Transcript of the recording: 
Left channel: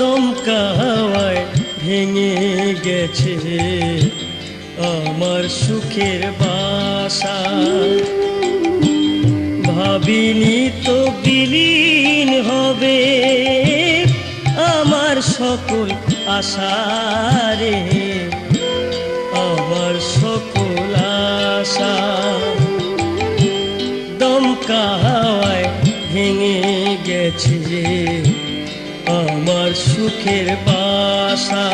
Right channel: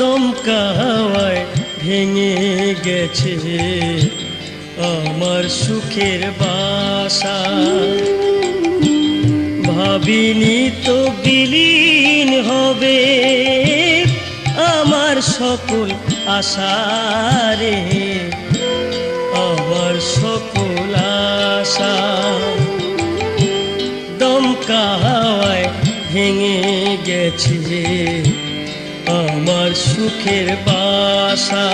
দমকা হাওয়ায় ভেঙে গেছে আমার সুখের বাসা। ভাবিনি তো বিলীন হবে আমার সকল আশা রে, আমার সকল আশা। দমকা হাওয়ায় ভেঙে গেছে আমার সুখের বাসা।